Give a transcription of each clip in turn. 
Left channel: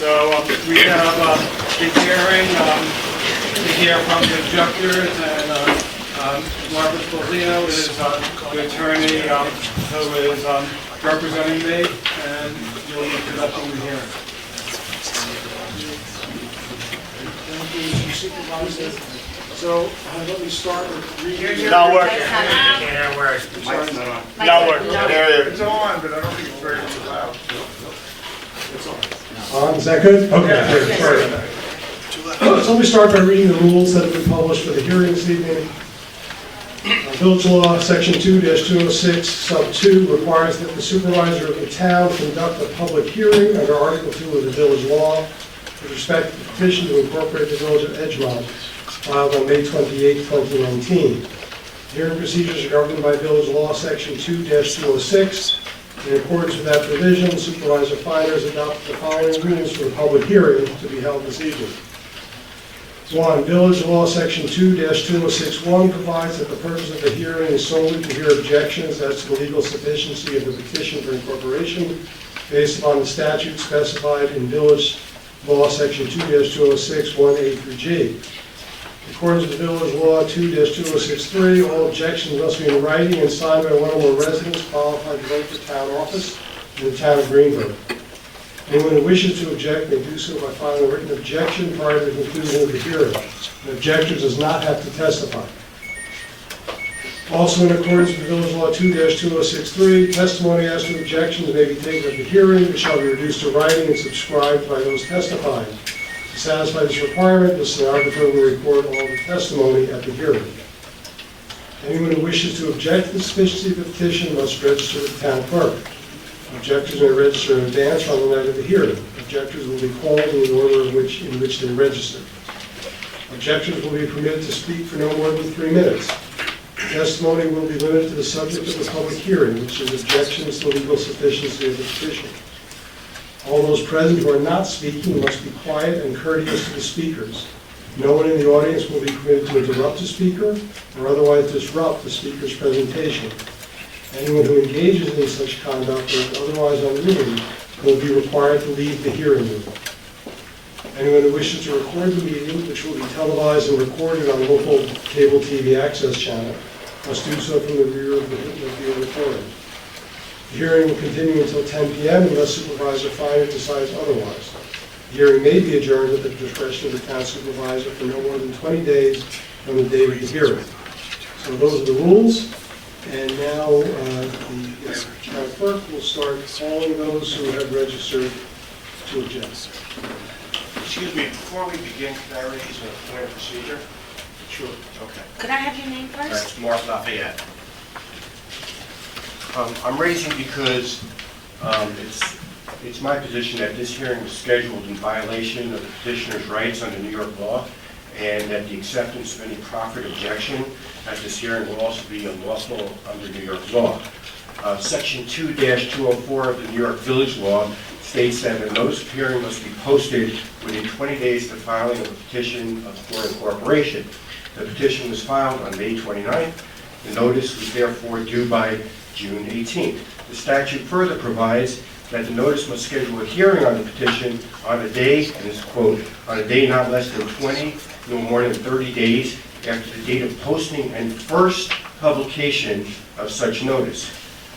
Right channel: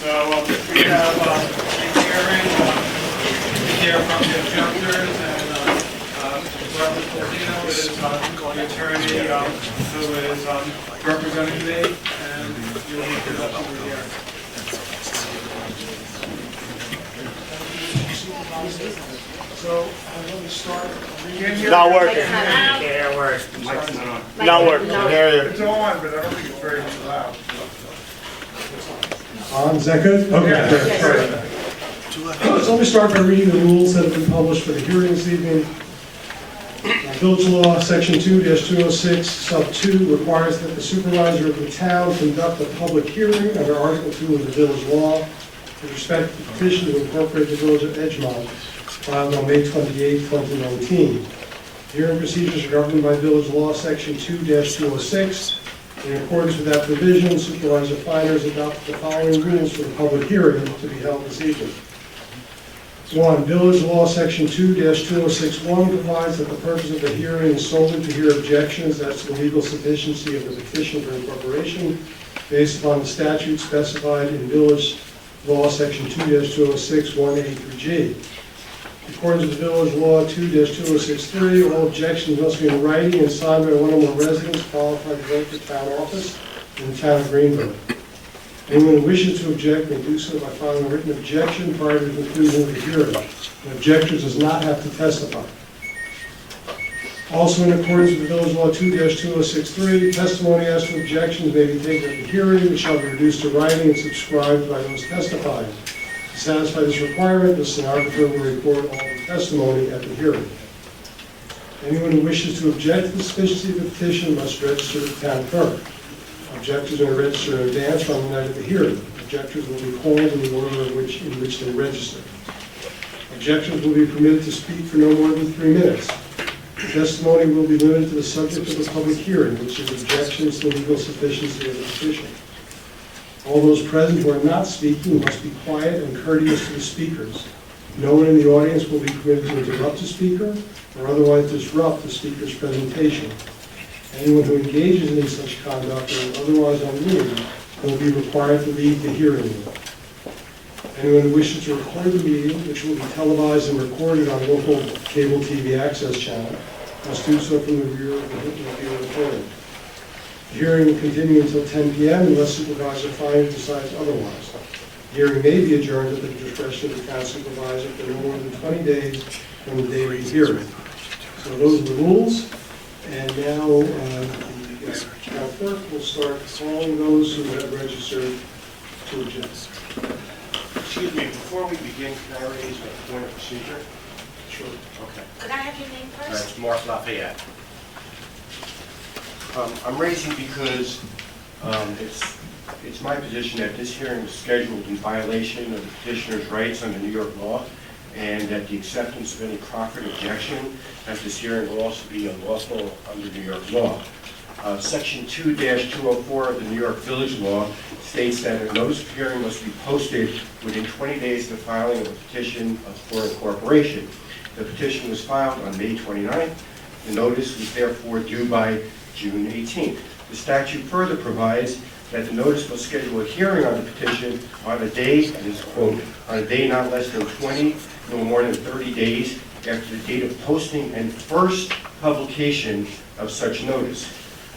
So we have the hearing to hear from the objectors, and Marcus Polino is the attorney who is representing me, and you'll be conducting the hearing. Thank you, Mr. Supervisor. So, how about we start with reading? Not working. Yeah, where it's Not working. It's on, but I don't think it's very loud. On, is that good? Okay, good. Sorry about that. So let me start by reading the rules that have been published for the hearing this evening. Village Law, Section 2-206, Sub 2 requires that the supervisor of the town conduct a public hearing under Article 2 of the Village Law with respect to the petition to incorporate the Village of Edgemont, filed on May 28, 2019. Hearing procedures are governed by Village Law, Section 2-206. In accordance with that provision, Supervisor Feiner has adopted the following rules for the public hearing to be held this evening. 1. Village Law Section 2-2061 provides that the purpose of the hearing is solely to hear objections as to the legal sufficiency of the petition for incorporation based upon the statute specified in Village Law Section 2-206, 1A through G. In accordance with Village Law 2-2063, all objections must be in writing and signed by one or more residents qualified to vote for town office in the town of Greenville. Anyone who wishes to object may do so by filing a written objection prior to the conclusion of the hearing. The objector does not have to testify. Also, in accordance with Village Law 2-2063, testimony as to objections may be taken at the hearing, which shall be reduced to writing and subscribed by those testifying. To satisfy this requirement, the stenographer will record all the testimony at the hearing. Anyone who wishes to object to the sufficiency of the petition must register with the town clerk. Objectors may register in advance on the night of the hearing. Objectors will be called in the order in which they register. Objectors will be permitted to speak for no more than 3 minutes. Testimony will be limited to the subject of the public hearing, which is objections to the legal sufficiency of the petition. All those present who are not speaking must be quiet and courteous to the speakers. No one in the audience will be permitted to interrupt the speaker or otherwise disrupt the speaker's presentation. Anyone who engages in such conduct or is otherwise unruly will be required to leave the hearing room. Anyone who wishes to record the meeting, which will be televised and recorded on local cable TV access channel, must do so from the rear of the recording. The hearing will continue until 10 p.m. unless Supervisor Feiner decides otherwise. The hearing may be adjourned at the discretion of the town supervisor for no more than 20 days from the date of the hearing. So those are the rules. And now the town clerk will start calling those who have registered to object. Excuse me, before we begin, can I raise a point of procedure? Sure. Okay. Could I have your name All right, first? it's Mark Lafayette. I'm raising because it's my position that this hearing was scheduled in violation of the petitioner's rights under New York law, and that the acceptance of any proffered objection at this hearing will also be unlawful under New York law. Section 2-204 of the New York Village Law states that a notice of hearing must be posted within 20 days of the filing of a petition for incorporation. The petition was filed on May 29th. The notice was therefore due by June 18th. The statute further provides that the notice must schedule a hearing on the petition on a day, and it's quote, on a day not less than 20, no more than 30 days after the date of posting and first publication of such notice.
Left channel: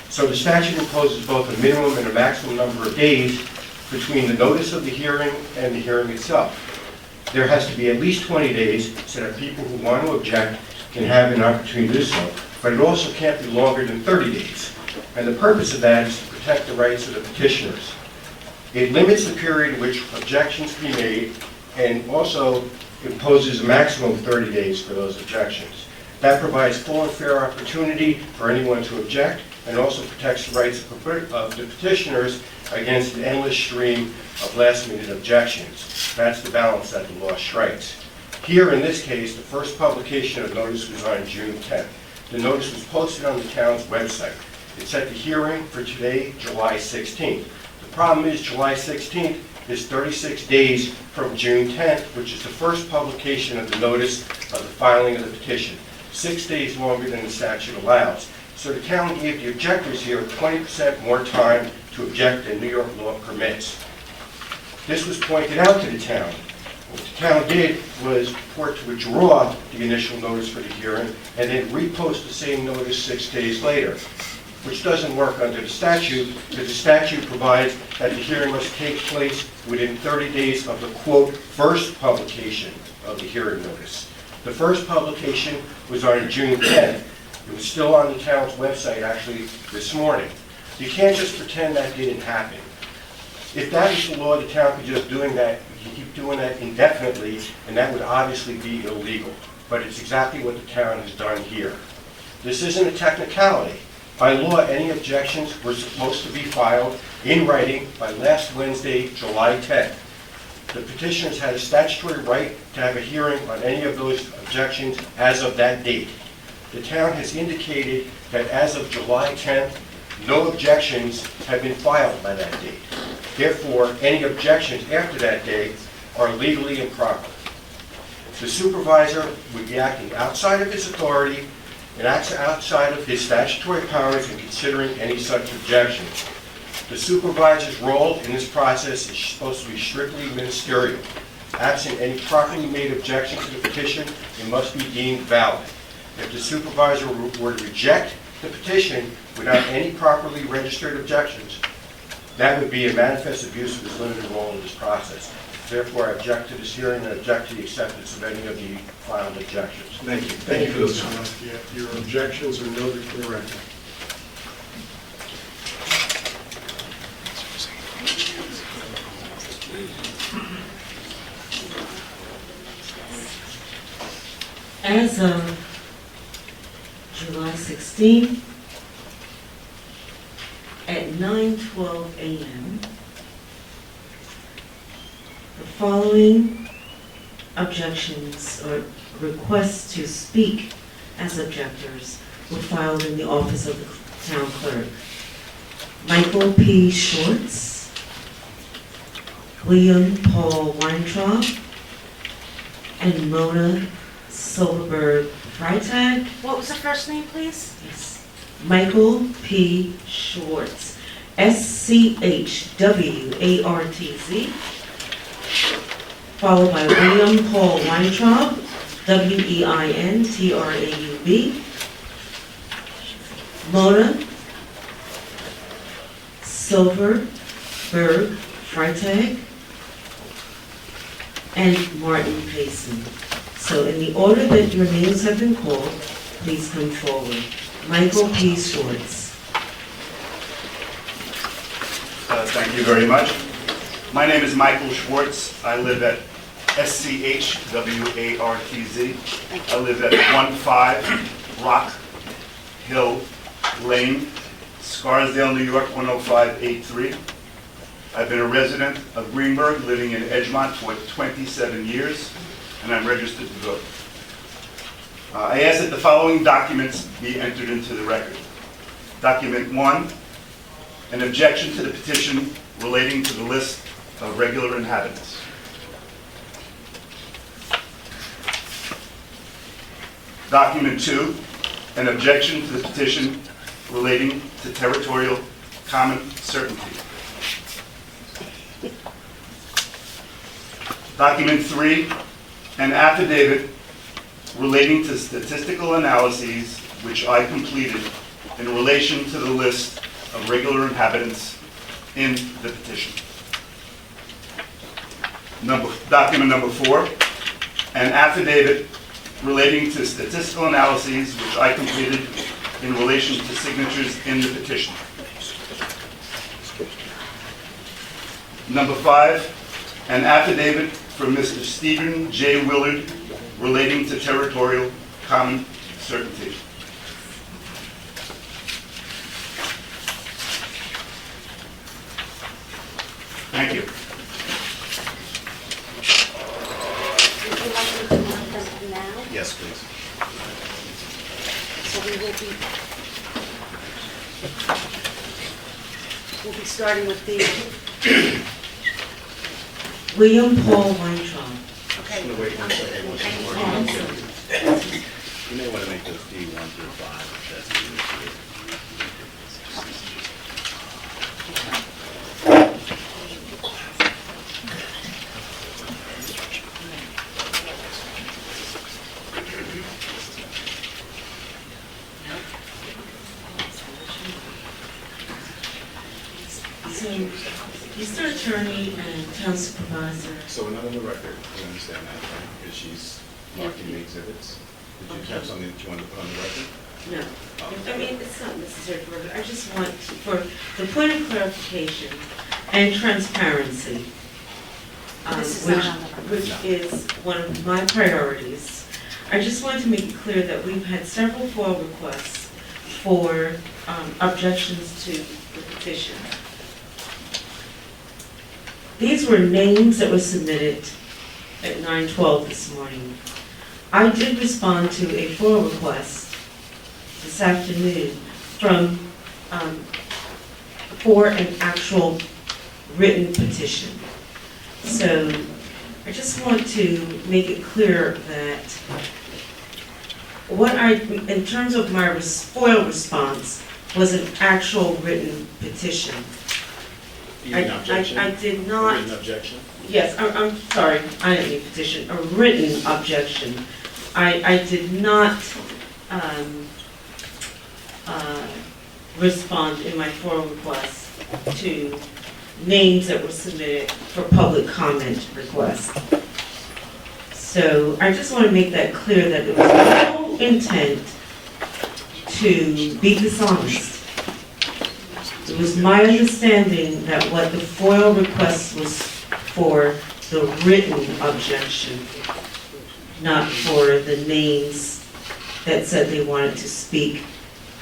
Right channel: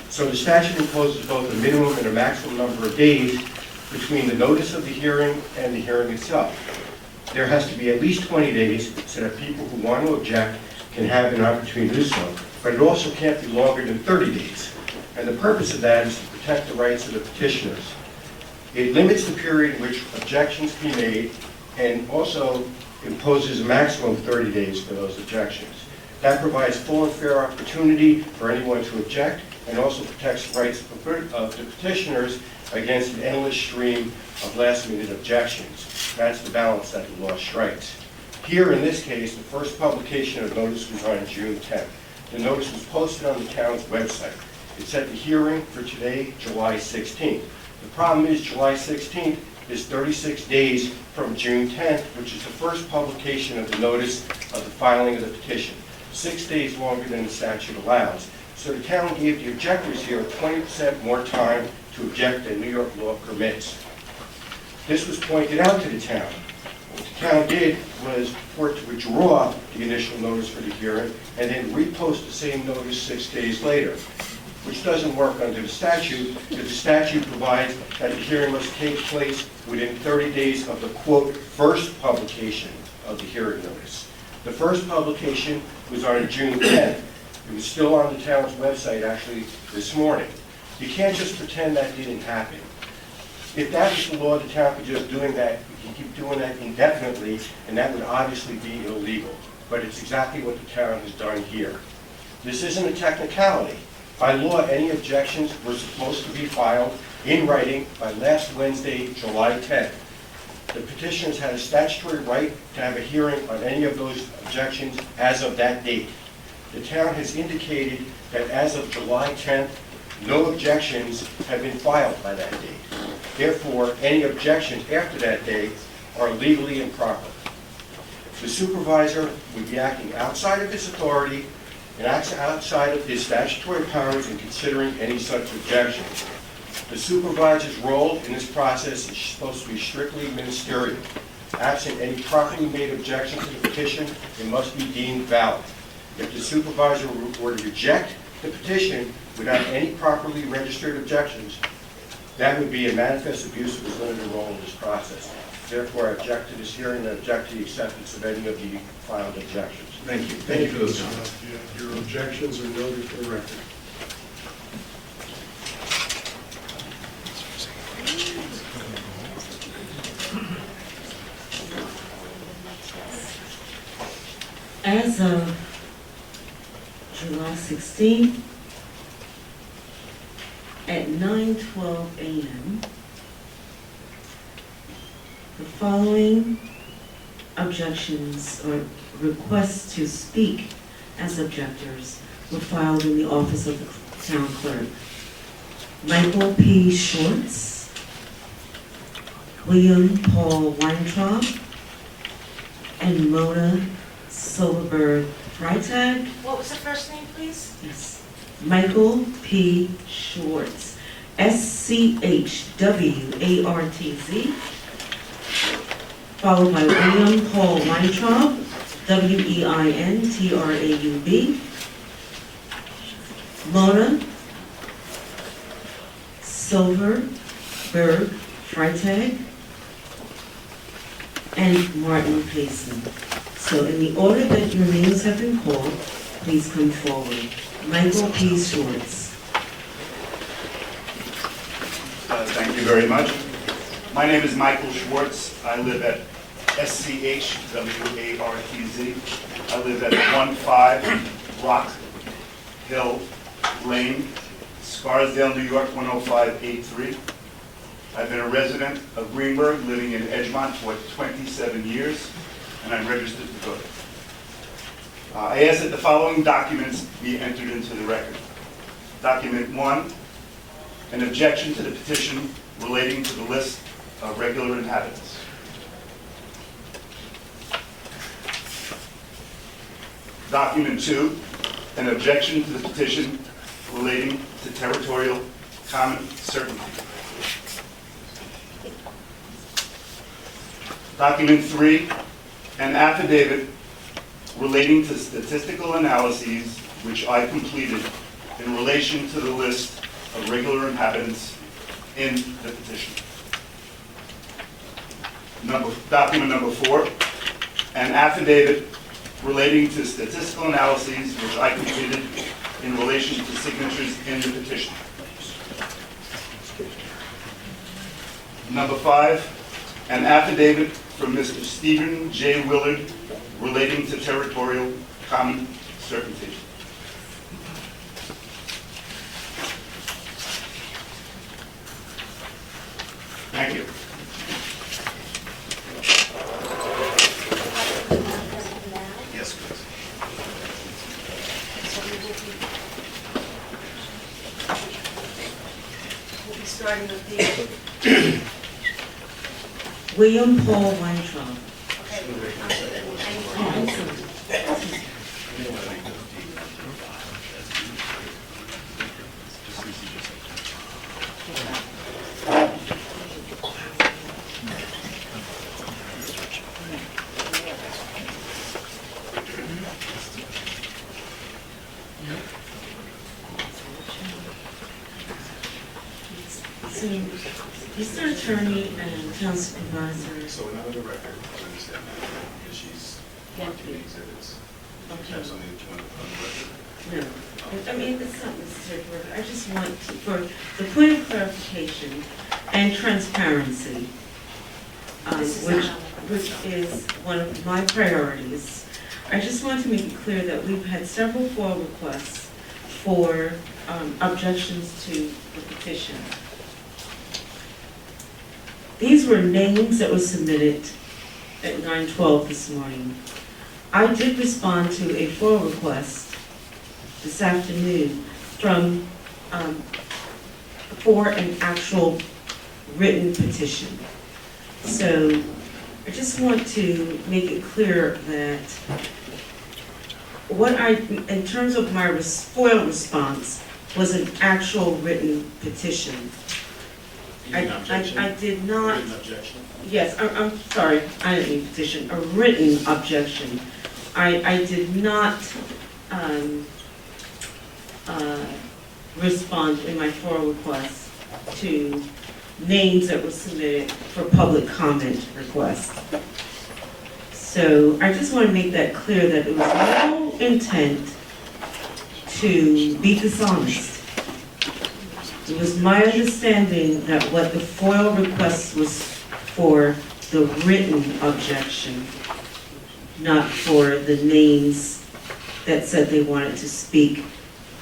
So the statute imposes both a minimum and a maximum number of days between the notice of the hearing and the hearing itself. There has to be at least 20 days so that people who want to object can have an opportunity to do so, but it also can't be longer than 30 days. And the purpose of that is to protect the rights of the petitioners. It limits the period in which objections can be made and also imposes a maximum of 30 days for those objections. That provides full and fair opportunity for anyone to object and also protects the rights of the petitioners against an endless stream of last-minute objections. That's the balance that the law strikes. Here in this case, the first publication of notice was on June 10th. The notice was posted on the town's website. It set the hearing for today, July 16th. The problem is July 16th is 36 days from June 10th, which is the first publication of the notice of the filing of the petition. 6 days longer than the statute allows. So the town gave the objectors here 20% more time to object than New York law permits. This was pointed out to the town. What the town did was purport to withdraw the initial notice for the hearing and then repost the same notice 6 days later, which doesn't work under the statute, because the statute provides that the hearing must take place within 30 days of the, quote, first publication of the hearing notice. The first publication was on June 10th. It was still on the town's website actually this morning. You can't just pretend that didn't happen. If that was the law, the town could just keep doing that indefinitely, and that would obviously be illegal. But it's exactly what the town has done here. This isn't a technicality. By law, any objections were supposed to be filed in writing by last Wednesday, July 10th. The petitioners had a statutory right to have a hearing on any of those objections as of that date. The town has indicated that as of July 10th, no objections have been filed by that date. Therefore, any objections after that date are legally improper. The supervisor would be acting outside of his authority and outside of his statutory powers in considering any such objections. The supervisor's role in this process is supposed to be strictly ministerial. Absent any properly made objection to the petition, it must be deemed valid. If the supervisor were to reject the petition without any properly registered objections, that would be a manifest abuse of his limited role in this process. Therefore, I object to this hearing and object to the acceptance of any of the filed objections. Thank you. Thank you, Mr. Huff. Your objections are noted for the record. As of July 16th, at 9:12 a.m., the following objections or requests to speak as objectors were filed in the office of the town clerk. Michael P. Schwartz, William Paul Weintraub, and Mona Silverberg Freitag. What was the first name, please? Yes. Michael P. Schwartz, SCHWARTZ, followed by William Paul Weintraub, WEINTRAUB, Mona Silverberg Freitag, and Martin Payson. So in the order that your names have been called, please come forward. Michael P. Schwartz. Thank you very much. My name is Michael Schwartz. I live at SCHWARTZ. I live at 15 Rock Hill Lane, Scarsdale, New York, 10583. I've been a resident of Greenberg, living in Edgemont for 27 years, and I'm registered to vote. I ask that the following documents be entered into the record. Document 1, an objection to the petition relating to the list of regular inhabitants. Document 2, an objection to the petition relating to territorial common certainty. Document 3, an affidavit relating to statistical analyses which I completed in relation to the list of regular inhabitants in the petition. Document number 4, an affidavit relating to statistical analyses which I completed in relation to signatures in the petition. Number 5, an affidavit from Mr. Stephen J. Willard relating to territorial common certainty. Thank you. Now, Yes, please. so we'll be starting with the, William Paul Weintraub. okay. You may want to make those D1 through 5. So, Mr. Attorney and Town Supervisor, So we're not on the record, I understand that, right? Because she's marking the exhibits. Did you have something that you wanted to put on the record? no. I mean, it's not necessary for, I just want to, for the point of clarification and transparency, This is which, not on the record. which is one of my priorities. I just want to make it clear that we've had several FOIL requests for objections to the petition. These were names that were submitted at 9:12 this morning. I did respond to a FOIL request this afternoon from, for an actual written petition. So I just want to make it clear that what in terms of my FOIL response, was an actual written petition. Even objection? I did not. Written objection? Yes, I'm sorry, I didn't mean petition, a written objection. I did not respond in my FOIL request to names that were submitted for public comment requests. So I just want to make that clear that it was no intent to be dishonest. It was my understanding that what the FOIL request was for the written objection, not for the names that said they wanted to speak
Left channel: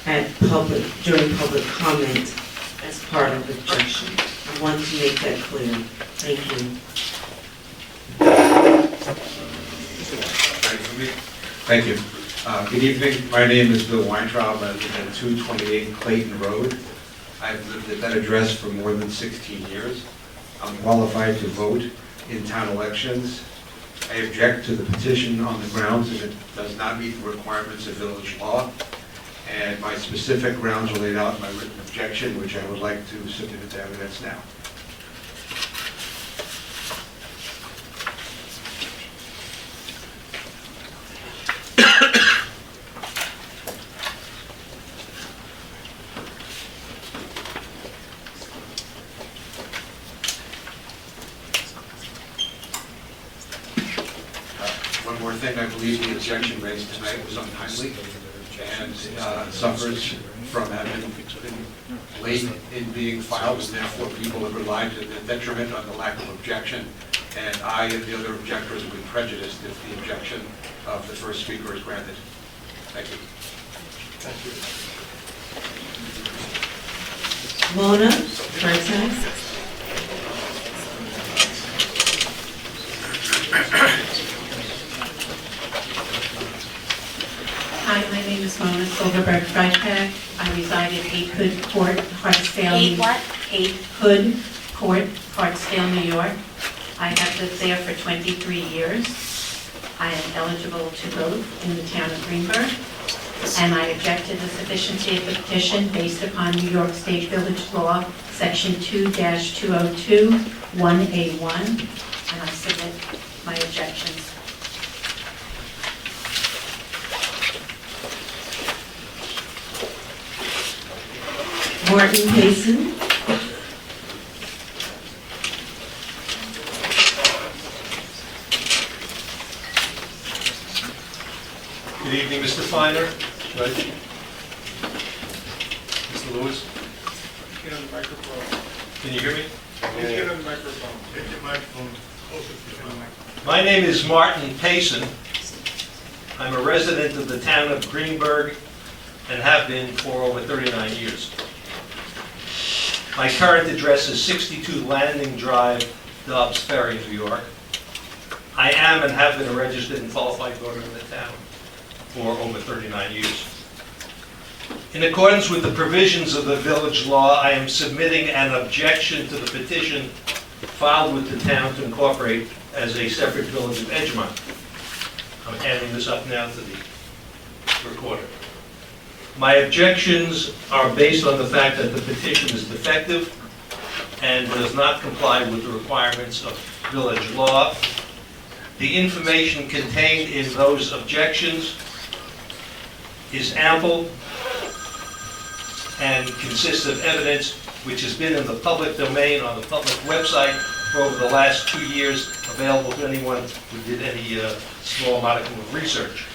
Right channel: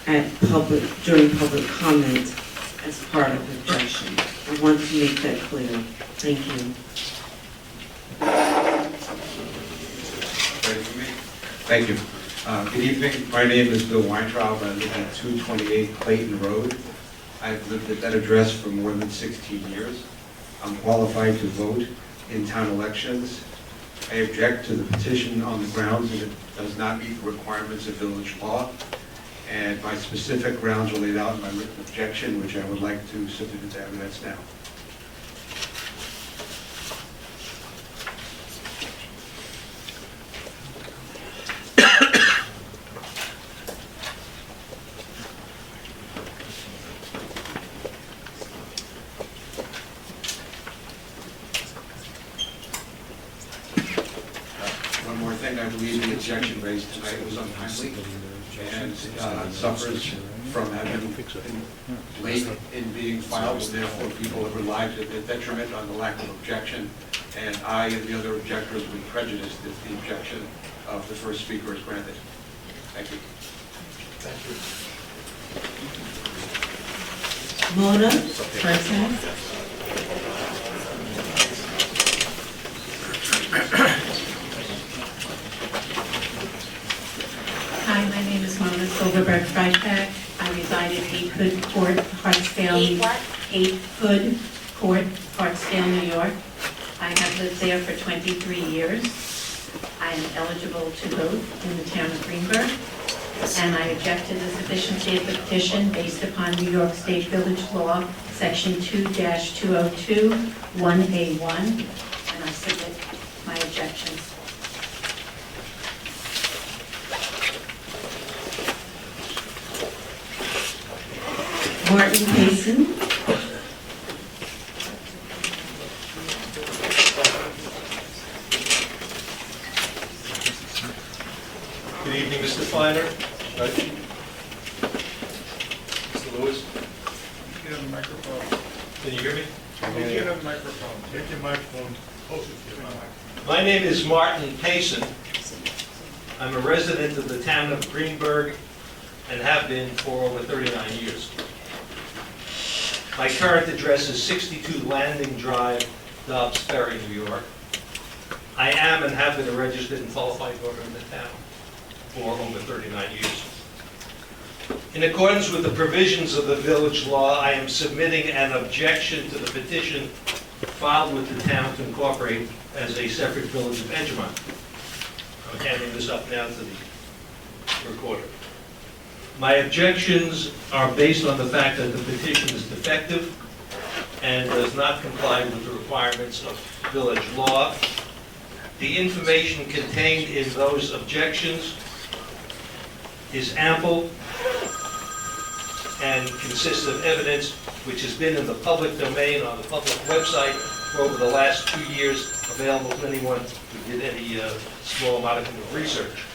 during public comment as part of the objection. I want to make that clear. Thank you. Ready for me? Thank you. Good evening. My name is Bill Weintraub. I live at 228 Clayton Road. I've lived at that address for more than 16 years. I'm qualified to vote in town elections. I object to the petition on the grounds that it does not meet the requirements of village law. And my specific grounds are laid out in my written objection, which I would like to submit into evidence now. One more thing, I believe the objection raised tonight was untimely and suffers from having been late in being filed, and therefore people have relied to their detriment on the lack of objection, and I and the other objectors will be prejudiced if the objection of the first speaker is granted. Thank you. Mona, Carson. Hi, my name is Mona Silverberg Freitag. I reside at 8 Hood Court, Hartsdale. 8 what? 8 Hood Court, Hartsdale, New York. I have lived there for 23 years. I am eligible to vote in the town of Greenberg, and I object to the sufficiency of the petition based upon New York State Village Law, Section 2-202, 1A1, and I submit my objections. Martin Payson. Good evening, Mr. Feiner. Right. Mr. Lewis, Get on the microphone. can you hear me? Get on the microphone. Get your microphone closer to the microphone. My name is Martin Payson. I'm a resident of the town of Greenberg and have been for over 39 years. My current address is 62 Landing Drive, Dobbs Ferry, New York. I am and have been a registered and qualified voter in the town for over 39 years. In accordance with the provisions of the village law, I am submitting an objection to the petition filed with the town to incorporate as a separate village of Edgemont. I'm handing this up now to the recorder. My objections are based on the fact that the petition is defective and does not comply with the requirements of village law. The information contained in those objections is ample and consists of evidence which has been in the public domain on the public website for over the last 2 years, available to anyone who did any small modicum of research.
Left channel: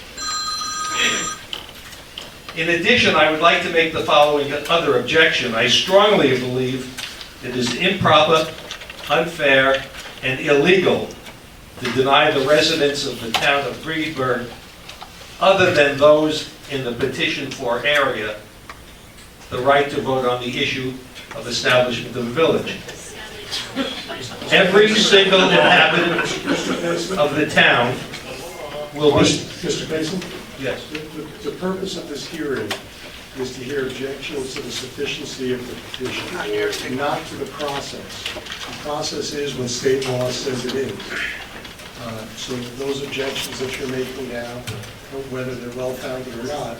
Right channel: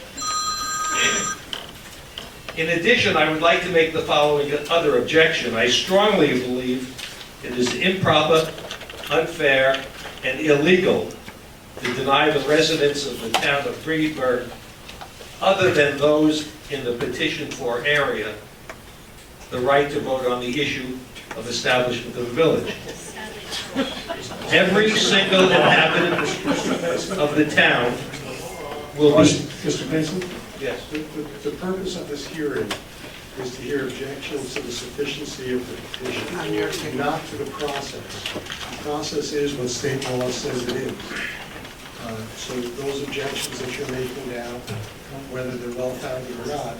In addition, I would like to make the following other objection. I strongly believe it is improper, unfair, and illegal to deny the residents of the town of Greenberg, other than those in the petition for area, the right to vote on the issue of establishment of the village. Every single inhabitant of the town will be... Mr. Mason? Yes. The purpose of this hearing is to hear objections to the sufficiency of the petition, not to the process. The process is what state law says it is. So those objections that you're making now, whether they're well-founded or not,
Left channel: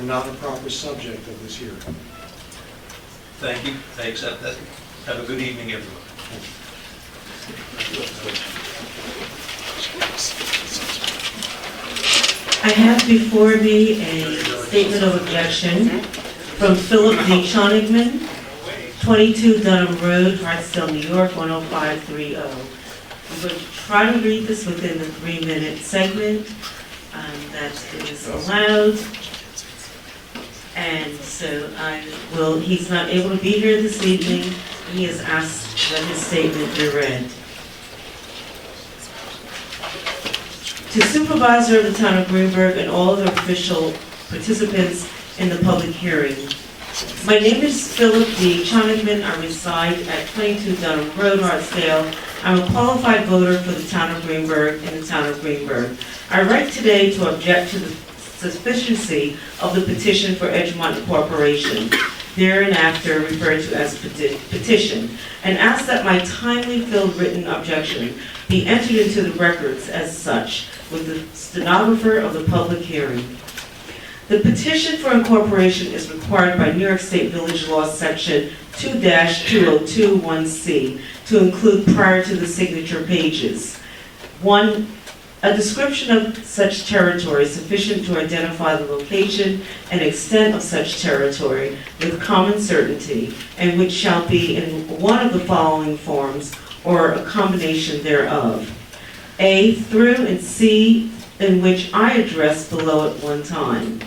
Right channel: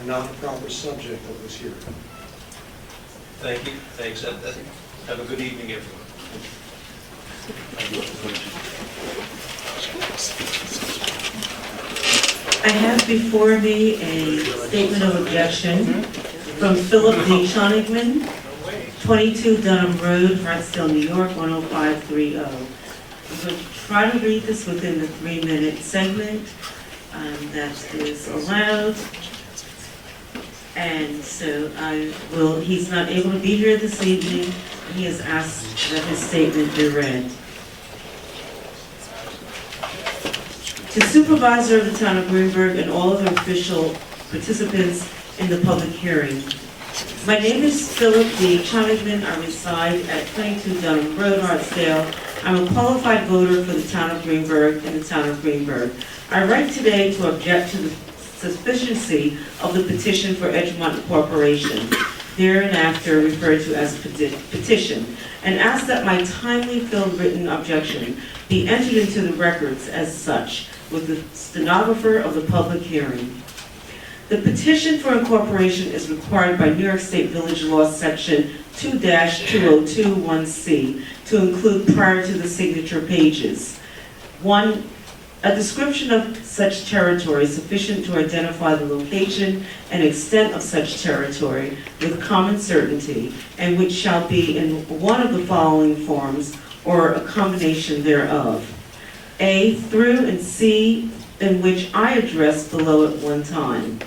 are not the proper subject of this hearing. Thank you. I accept that. Have a good evening, everyone. I have before me a statement of objection from Philip D. Chonigman, 22 Dunham Road, Hartsdale, New York, 10530. I'm going to try to read this within the 3-minute segment that is allowed. And so he's not able to be here this evening. He has asked that his statement be read. To Supervisor of the Town of Greenberg and all other official participants in the public hearing. My name is Philip D. Chonigman. I reside at 22 Dunham Road, Hartsdale. I'm a qualified voter for the Town of Greenberg in the Town of Greenberg. I write today to object to the sufficiency of the petition for Edgemont Incorporation, hereinafter referred to as Petition, and ask that my timely filled written objection be entered into the records as such with the stenographer of the public hearing. The petition for incorporation is required by New York State Village Law Section 2-2021C to include prior to the signature pages. 1. A description of such territory sufficient to identify the location and extent of such territory with common certainty, and which shall be in one of the following forms or a combination thereof. A through and C, in which I address below at one time.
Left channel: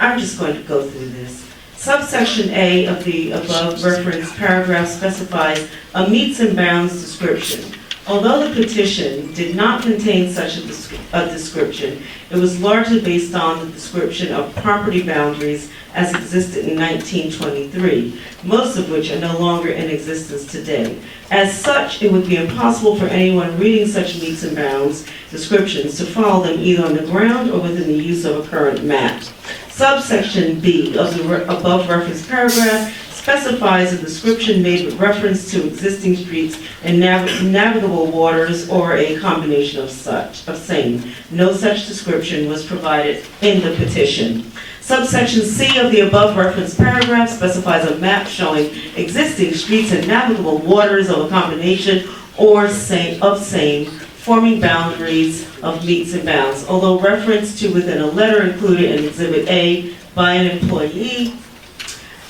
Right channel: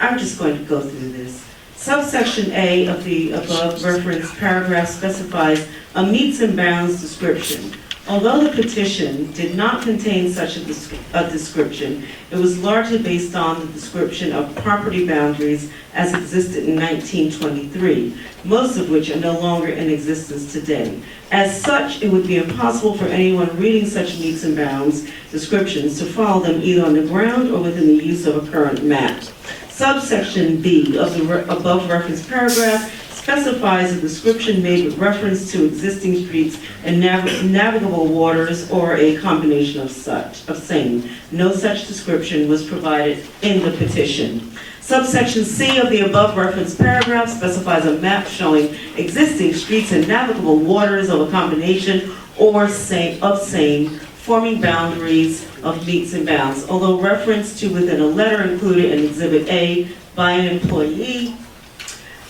I'm just going to go through this. Subsection A of the above referenced paragraph specifies a meets and bounds description. Although the petition did not contain such a description, it was largely based on the description of property boundaries as existed in 1923, most of which are no longer in existence today. As such, it would be impossible for anyone reading such meets and bounds descriptions to follow them either on the ground or within the use of a current map. Subsection B of the above referenced paragraph specifies a description made with reference to existing streets and navigable waters or a combination of same. No such description was provided in the petition. Subsection C of the above referenced paragraph specifies a map showing existing streets and navigable waters of a combination or same, forming boundaries of meets and bounds, although reference to within a letter included in Exhibit A by an employee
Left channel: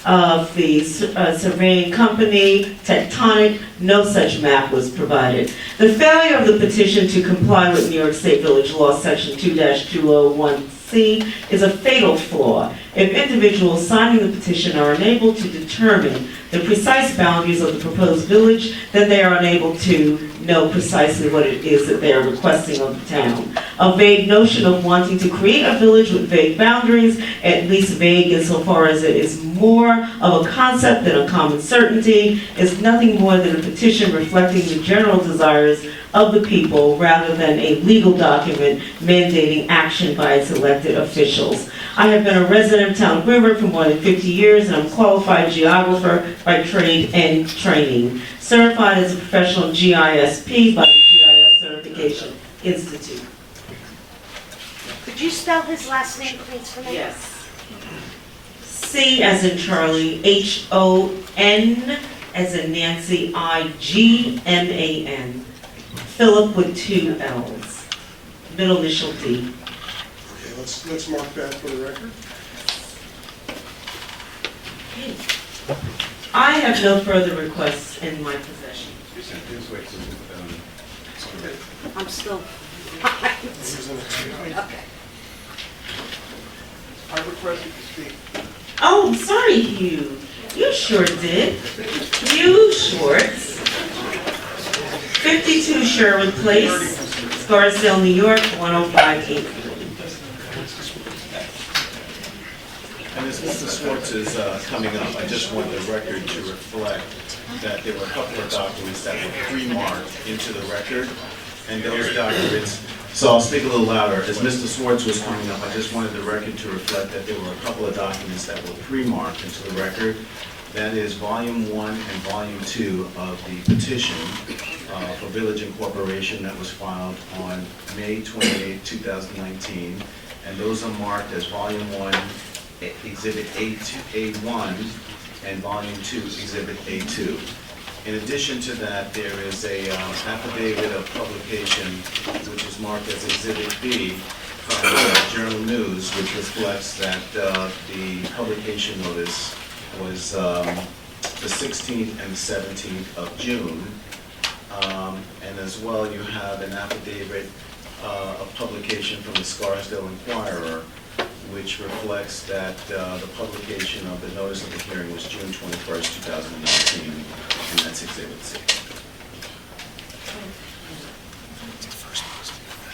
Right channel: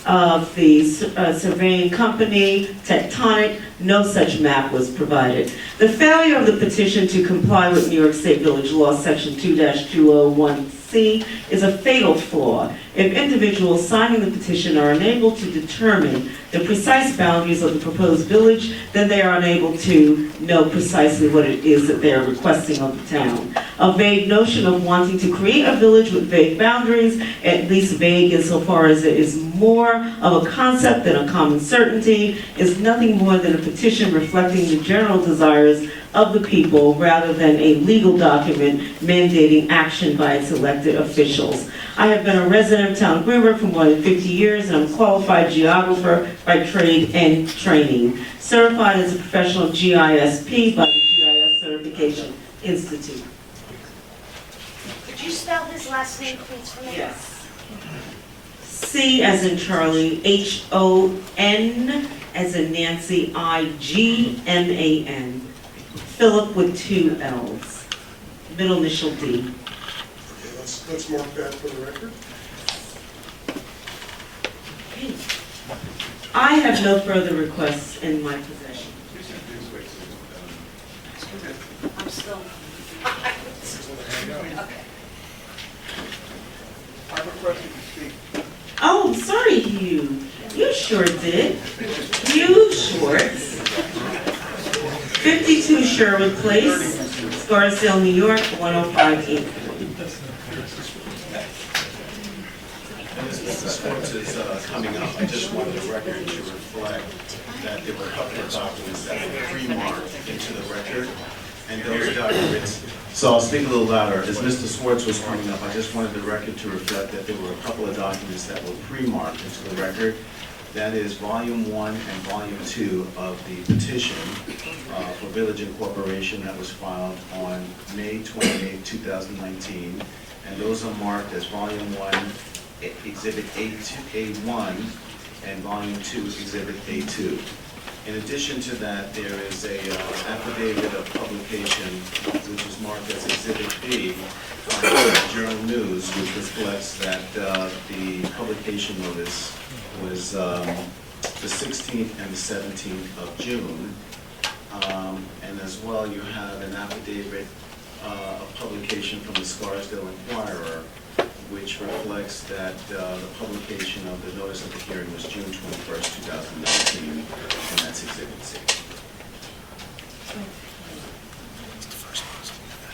of the surveying company, Tectonic, no such map was provided. The failure of the petition to comply with New York State Village Law Section 2-201C is a fatal flaw. If individuals signing the petition are unable to determine the precise boundaries of the proposed village, then they are unable to know precisely what it is that they are requesting of the town. A vague notion of wanting to create a village with vague boundaries, at least vague insofar as it is more of a concept than a common certainty, is nothing more than a petition reflecting the general desires of the people rather than a legal document mandating action by its elected officials. I have been a resident of Town of Greenberg for more than 50 years, and I'm a qualified geographer by trade and training, certified as a professional GISP by the GIS Certification Institute. Could you spell his last name, please, for me? Yes. C as in Charlie, H-O-N as in Nancy, I-G-M-A-N. Philip with 2 L's. Middle initial D. Okay, let's mark that for the record. I have no further requests in my possession. Please wait till, I'm still. Okay. I requested to speak. Oh, sorry, Hugh. You sure did. Hugh Schwartz, 52 Sherwood Place, Scarsdale, New York, 10583. and as Mr. Schwartz is coming up, I just want the record to reflect that there were a couple of documents that were pre-marked into the record, and those documents, so I'll speak a little louder. As Mr. Schwartz was coming up, I just wanted the record to reflect that there were a couple of documents that were pre-marked into the record. That is Volume 1 and Volume 2 of the petition for Village Incorporation that was filed on May 28, 2019. And those are marked as Volume 1, Exhibit A1, and Volume 2, Exhibit A2. In addition to that, there is a affidavit of publication, which is marked as Exhibit B from the Journal News, which reflects that the publication notice was the 16th and the 17th of June. And as well, you have an affidavit of publication from the Scarsdale Inquirer, which reflects that the publication of the notice of the hearing was June 21st, 2019, and that's Exhibit C.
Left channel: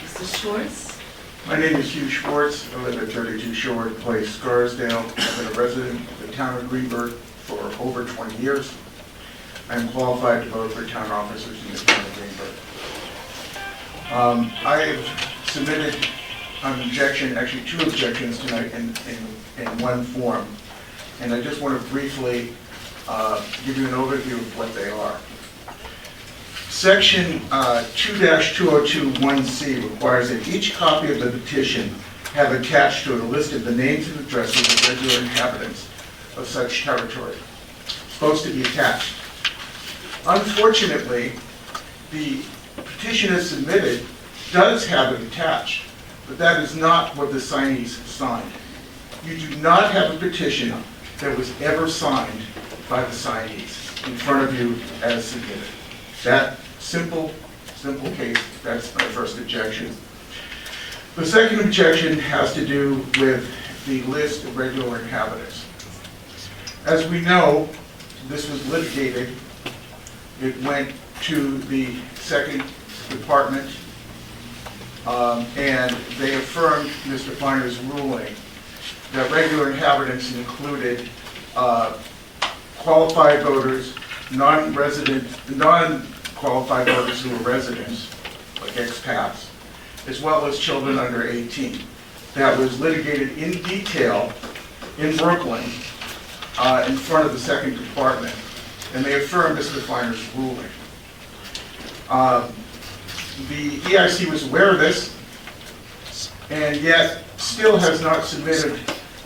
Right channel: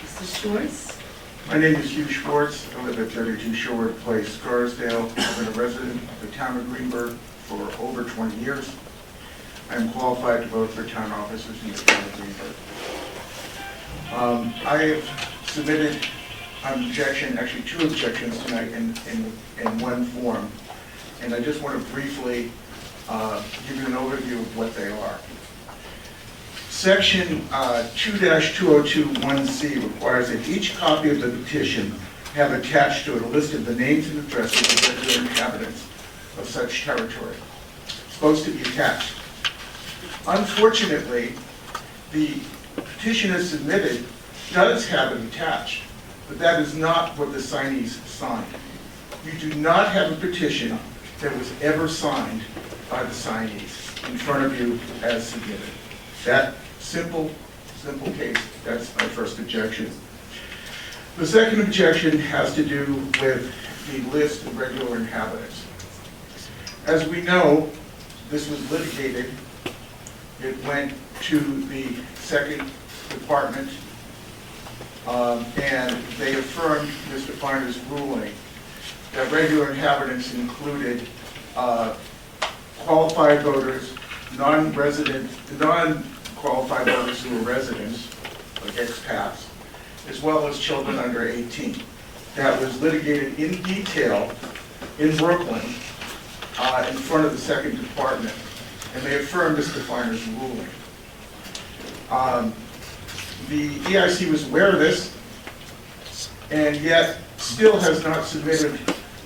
Mr. Schwartz? My name is Hugh Schwartz. I live at 32 Sherwood Place, Scarsdale. I've been a resident of the town of Greenberg for over 20 years. I am qualified to vote for town officers in the town of Greenberg. I have submitted an objection, actually 2 objections tonight in one form. And I just want to briefly give you an overview of what they are. Section 2-2021C requires that each copy of the petition have attached to it a list of the names and addresses of regular inhabitants of such territory. It's supposed to be attached. Unfortunately, the petition as submitted does have it attached, but that is not what the signees signed. You do not have a petition that was ever signed by the signees in front of you as submitted. That simple case, that's my first objection. The second objection has to do with the list of regular inhabitants. As we know, this was litigated. It went to the second department, and they affirmed Mr. Feiner's ruling that regular inhabitants included qualified voters, non-qualified voters who were residents, like expats, as well as children under 18. That was litigated in detail in Brooklyn in front of the second department, and they affirmed Mr. Feiner's ruling. The EIC was aware of this, and yet still has not submitted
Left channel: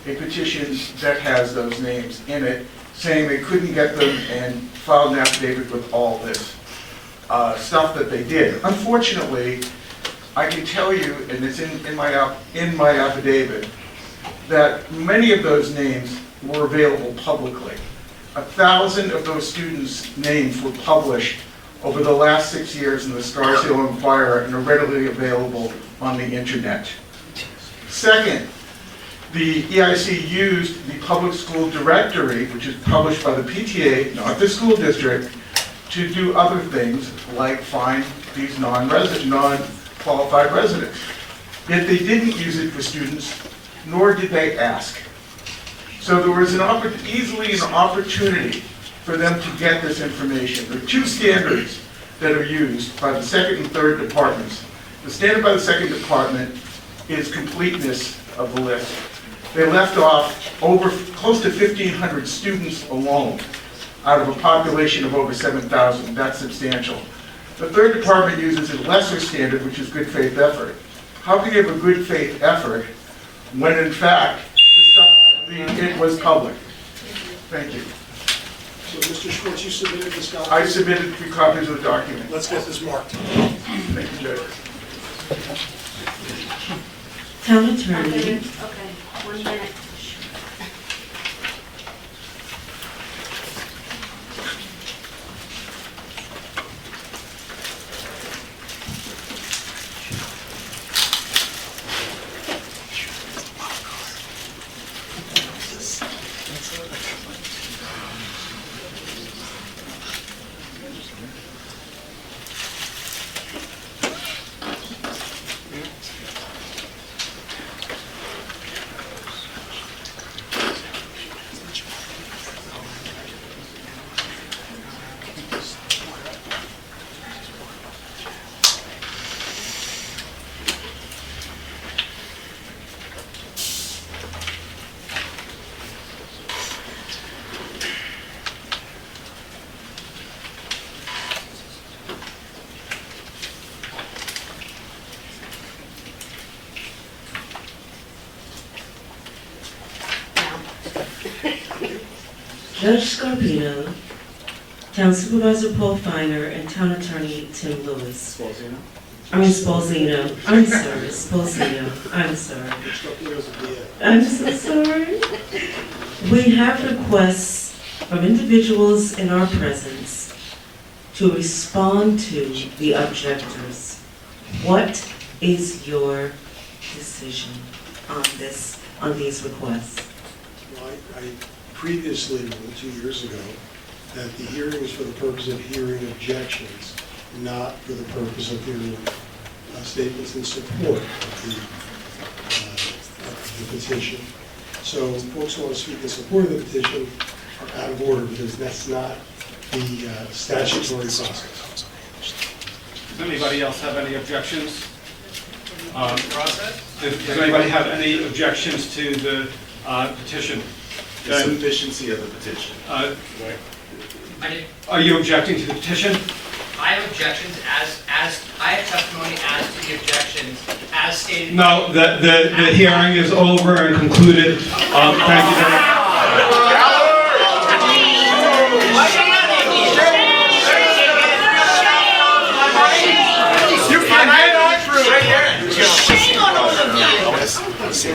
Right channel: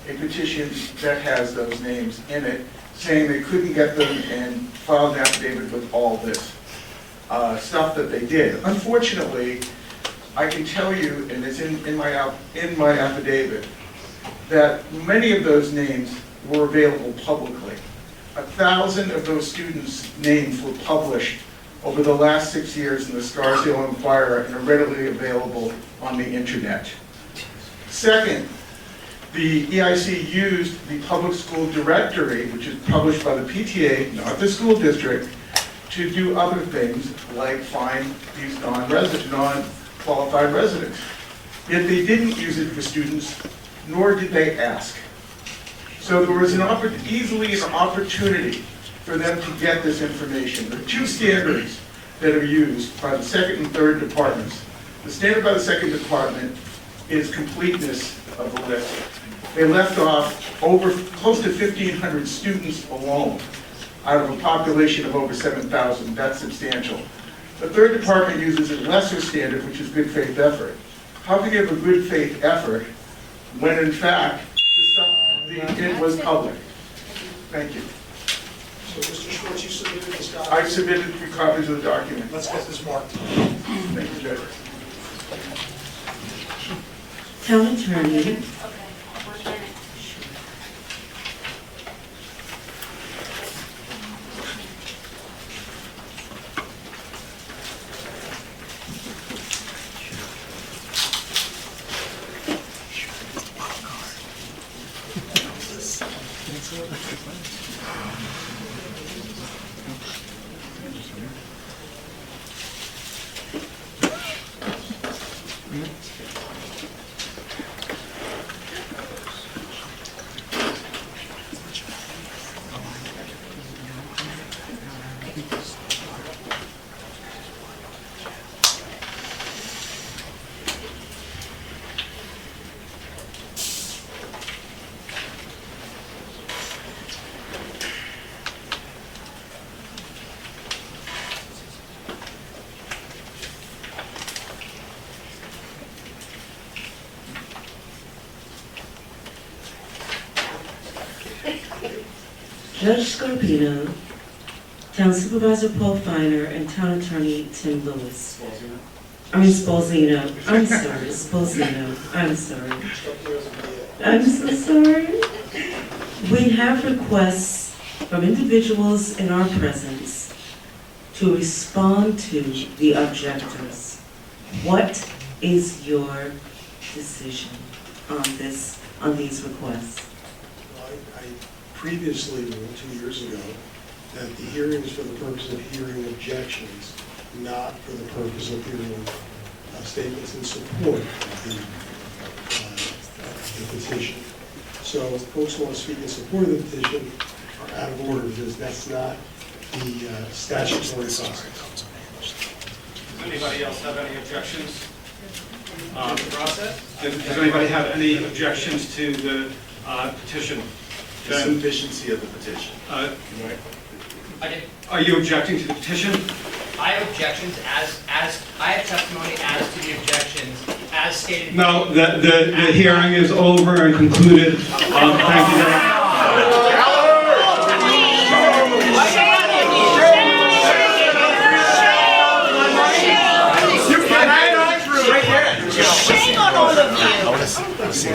a petition that has those names in it, saying they couldn't get them and filed an affidavit with all this stuff that they did. Unfortunately, I can tell you, and it's in my affidavit, that many of those names were available publicly. 1,000 of those students' names were published over the last 6 years in the Scarsdale Inquirer and are readily available on the internet. Second, the EIC used the public school directory, which is published by the PTA, not the school district, to do other things like find these non-qualified residents. Yet they didn't use it for students, nor did they ask. So there was easily an opportunity for them to get this information. There are 2 standards that are used by the second and third departments. The standard by the second department is completeness of the list. They left off close to 1,500 students alone out of a population of over 7,000. That's substantial. The third department uses a lesser standard, which is good faith effort. How can you have a good faith effort when in fact it was public? Thank you. So, Mr. Schwartz, you submitted this document? I submitted 3 copies of the document. Let's get this marked. Thank you, Judge. Town attorney. Okay, 1 minute. Judge Scarpino, Town Supervisor Paul Feiner, and Town Attorney Tim Lewis. Spalzino. I'm sorry, Spalzino. I'm sorry. I'm so sorry. We have requests from individuals in our presence to respond to the objectors. What is your decision on these requests? Well, I previously ruled 2 years ago that the hearing is for the purpose of hearing objections, not for the purpose of hearing statements in support of the petition. So if folks want to speak in support of the petition are out of order because that's not the statutory process. Does anybody else have any objections? Does anybody have any objections to the petition? The sufficiency of the petition. Are you objecting to the petition? I have objections as I have testimony as to the objections as stated. No, the hearing is over and concluded. Thank you very much.